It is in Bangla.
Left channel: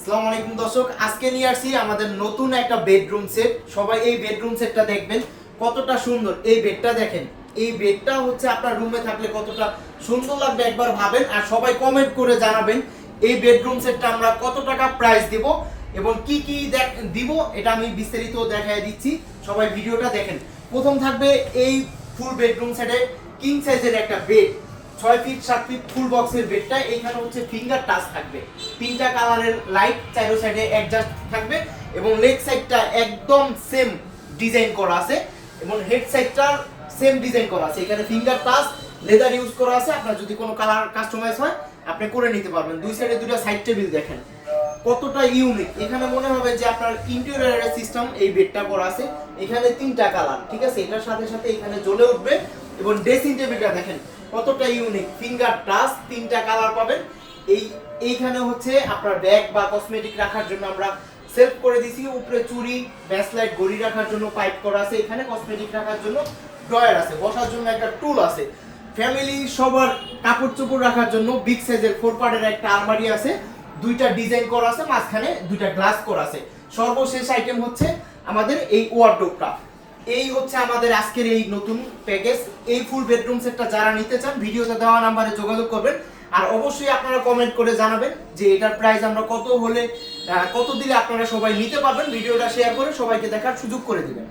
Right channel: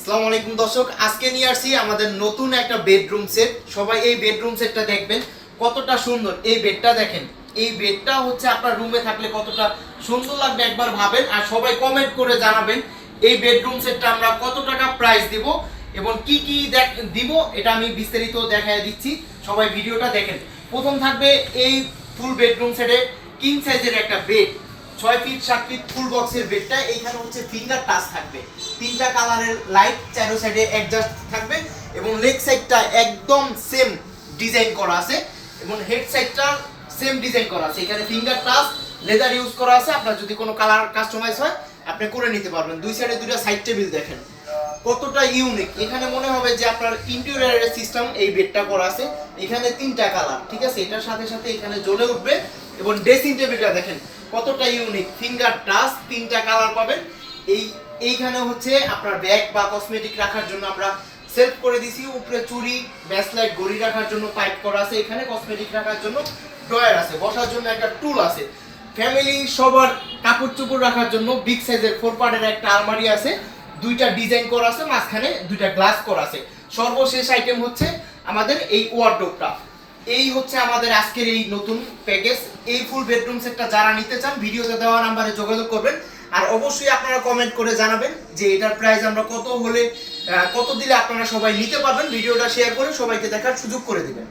আসসালামু আলাইকুম দর্শক, আজকে নিয়ে আসছি আমাদের নতুন একটা বেডরুম সেট। সবাই এই বেডরুম সেটটা দেখবেন, কতটা সুন্দর। এই বেডটা দেখেন, এই বেডটা হচ্ছে আপনার রুমে থাকলে কতটা সুন্দর লাগবে একবার ভাবেন। আর সবাই কমেন্ট করে জানাবেন এই বেডরুম সেটটা আমরা কত টাকা প্রাইস দিব এবং কি কি দিব, এটা আমি বিস্তারিত দেখায় দিচ্ছি। সবাই ভিডিওটা দেখেন। প্রথম থাকবে এই ফুল বেডরুম সেটে কিং সাইজের একটা বেড, 6 ফিট 7 ফিট ফুল বক্সের বেডটা। এইখানে হচ্ছে ফিঙ্গার টাচ থাকবে, তিনটা কালারের লাইট, চারো সাইডে অ্যাডজাস্ট থাকবে এবং লেগ সাইডটা একদম সেম ডিজাইন করা আছে এবং হেড সাইডটা সেম ডিজাইন করা আছে। এখানে ফিঙ্গার টাচ লেদার ইউজ করা আছে। আপনার যদি কোনো কালার কাস্টমাইজ হয় আপনি করে নিতে পারবেন। দুই সাইডে দুটো সাইড টেবিল দেখেন কতটা ইউনিক। এখানে মনে হবে যে আপনার ইন্টেরিয়রের সিস্টেম এই বেডটা করা আছে। এখানে তিনটা কালার, ঠিক আছে, এটার সাথে সাথে এখানে জ্বলে উঠবে। এবং ড্রেসিং টেবিলটা দেখেন কতটা ইউনিক, ফিঙ্গার টাচ, তিনটা কালার পাবেন। এইখানে হচ্ছে আপনার ব্যাগ বা কসমেটিক রাখার জন্য আমরা সেলফ করে দিছি। উপরে চুড়ি, ব্যাসলাইট, ঘড়ি রাখার জন্য পাইপ করা আছে। এখানে কসমেটিক রাখার জন্য ড্রয়ার আছে, বসার জন্য একটা টুল আছে। ফ্যামিলি সবার কাপড় চোপড় রাখার জন্য বিগ সাইজের 4 পার্টের একটা আলমারি আছে। দুইটা ডিজাইন করা আছে, মাঝখানে দুইটা গ্লাস করা আছে। সর্বশেষ আইটেম হচ্ছে আমাদের এই ওয়ার্ডরোবটা। এই হচ্ছে আমাদের আজকের এই নতুন প্যাকেজ। এই ফুল বেডরুম সেটটা যারা নিতে চান ভিডিওতে দেওয়া নাম্বারে যোগাযোগ করবেন। আর অবশ্যই আপনারা কমেন্ট করে জানাবেন যে এটার প্রাইস আমরা কত হলে কত দিলে আপনারা সবাই নিতে পারবেন। ভিডিওটা শেয়ার করে সবাইকে দেখার সুযোগ করে দিবেন।